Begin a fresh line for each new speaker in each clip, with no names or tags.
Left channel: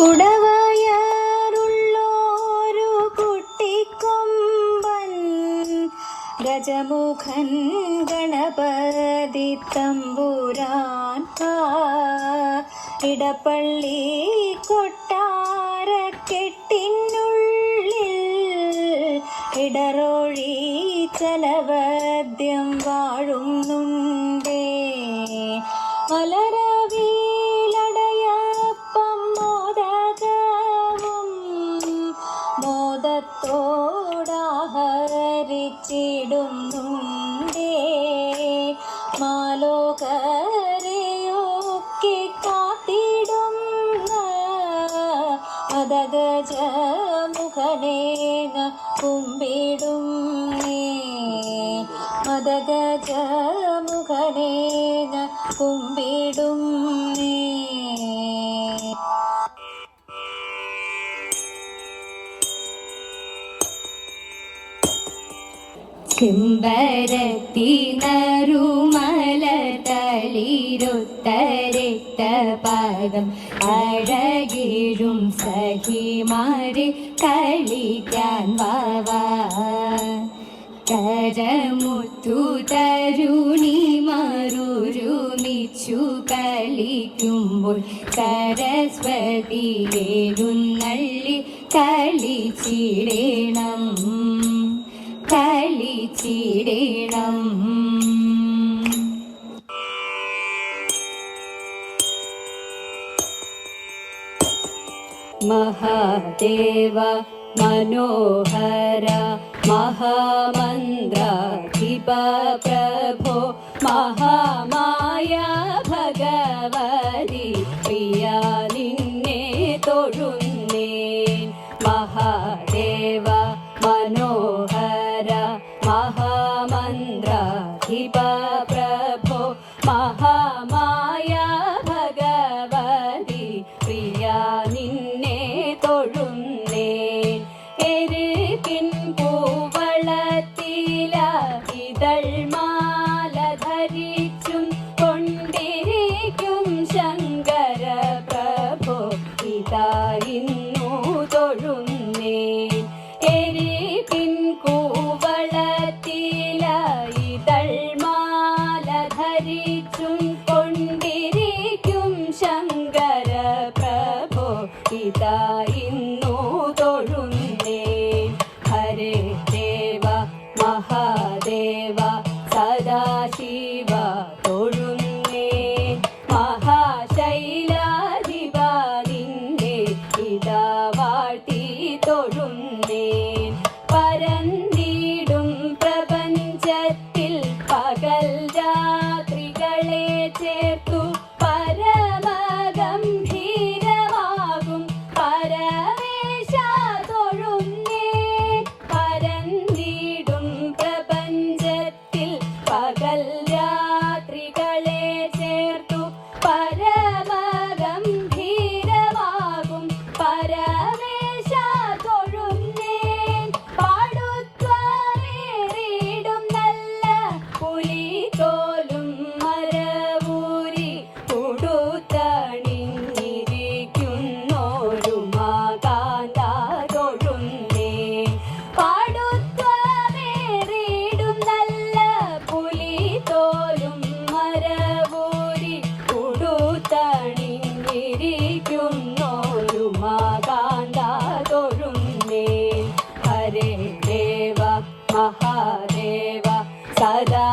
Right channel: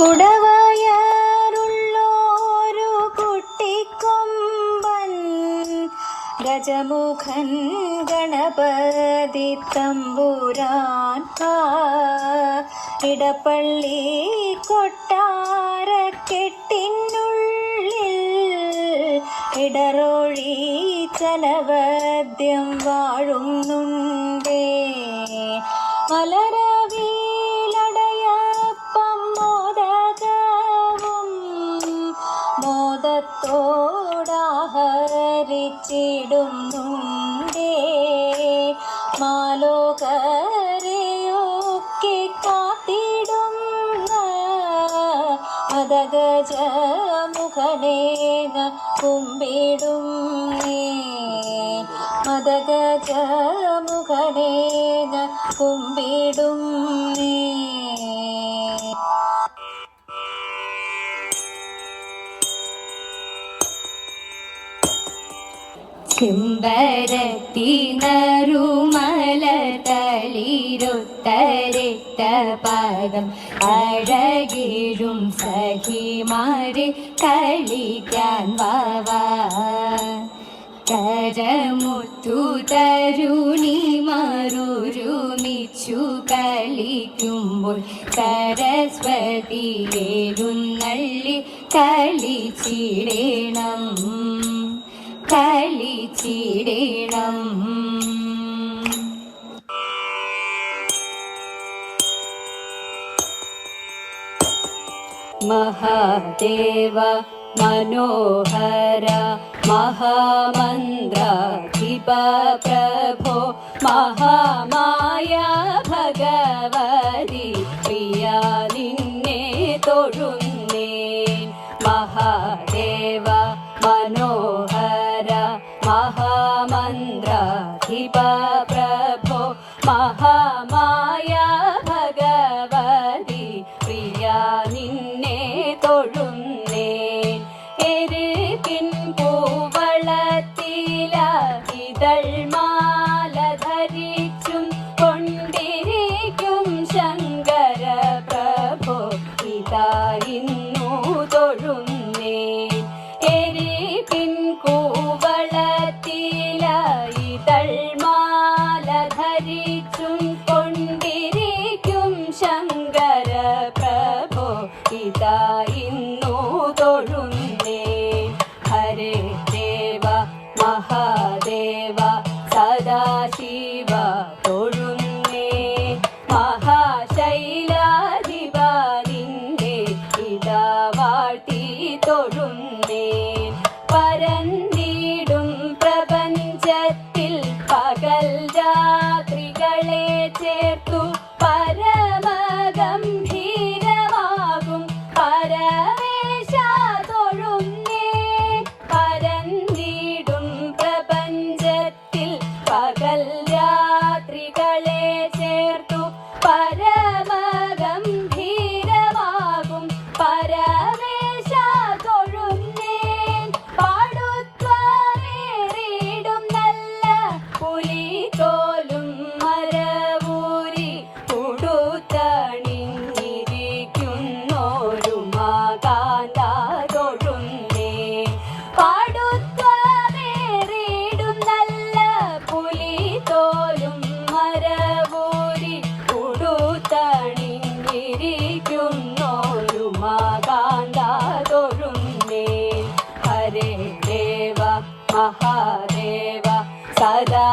കുടവയാറുള്ളോരു കുട്ടിക്കൊമ്പൻ ഗജമുഖൻ ഗണപതി തമ്പുരാൻ ഇടപ്പള്ളി കൊട്ടാരക്കെട്ടിനുള്ളിൽ ഇടറോഴി കരയൊക്കെ കാത്തിടുന്ന മതഗജ കുമ്പിടും മതഗജ മുഖനേന കുമ്പിടും
കിംബരത്തിനരും തിരുത്തരിട്ട പദം അഴകിടും സഹിമാരി കളിക്കാൻ വാവ. കരമുത്തു തരുണി മറുരുമിച്ചു കളിക്കുമ്പോൾ സരസ്വതിയേരുന്നള്ളി കളിച്ചിടണം. കളിച്ചിടണം. महादेव मनोहर महामन्द्राधिप प्रभो महामाया महादेव सदा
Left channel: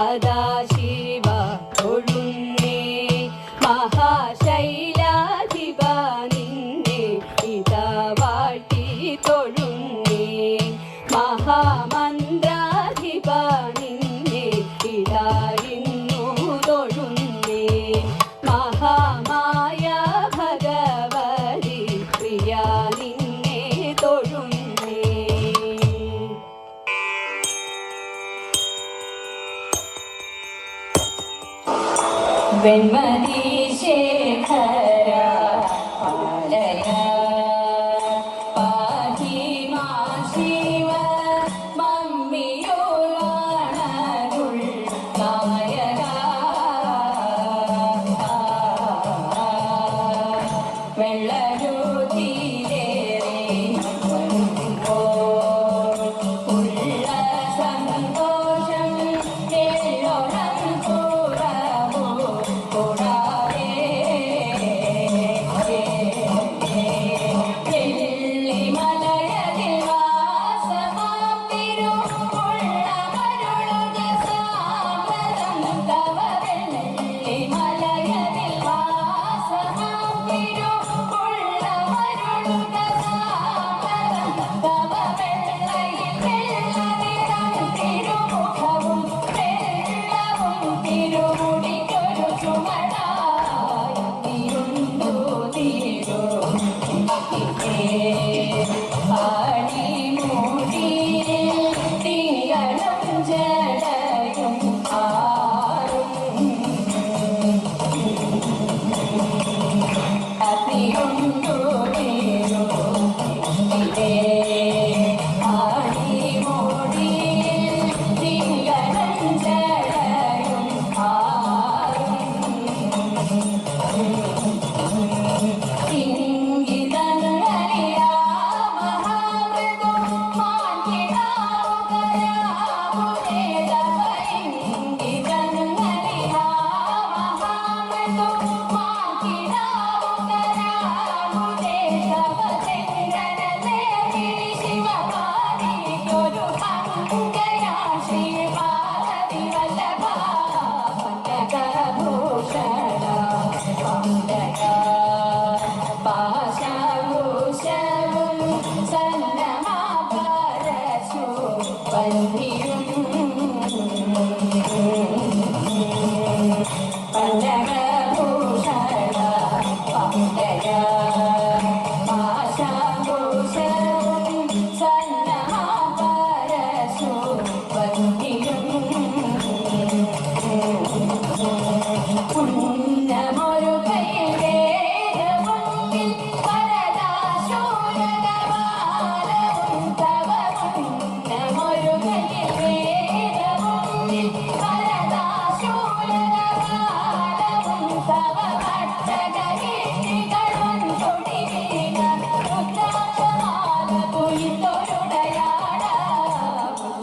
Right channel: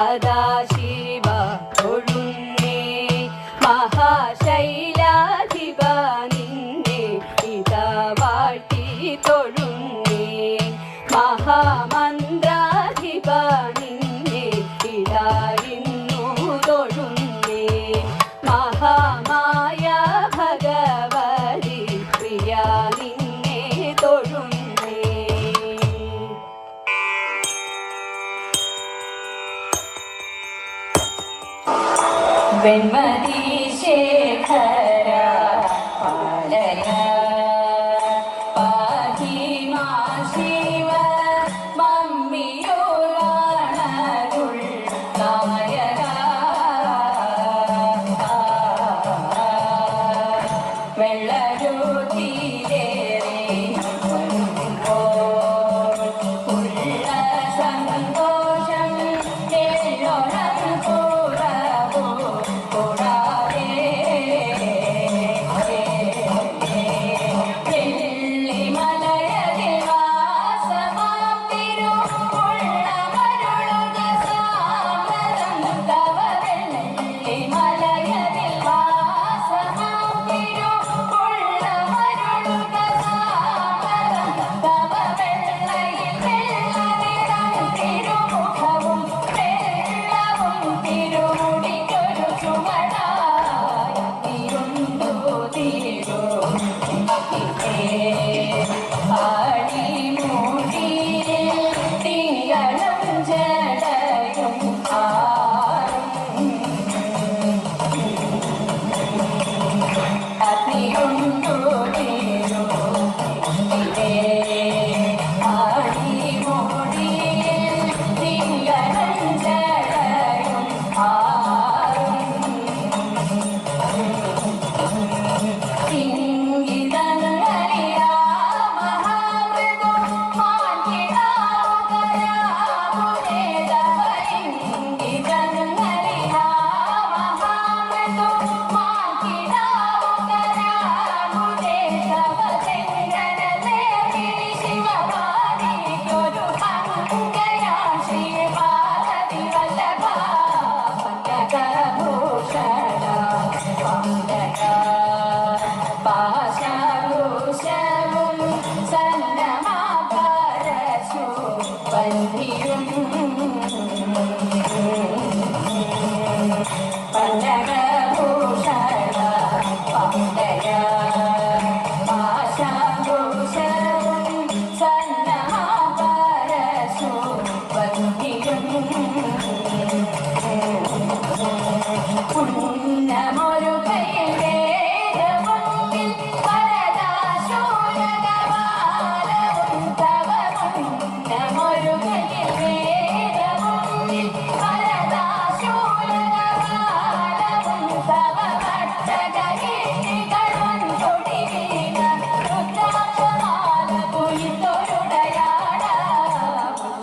सदा Amen. Hey,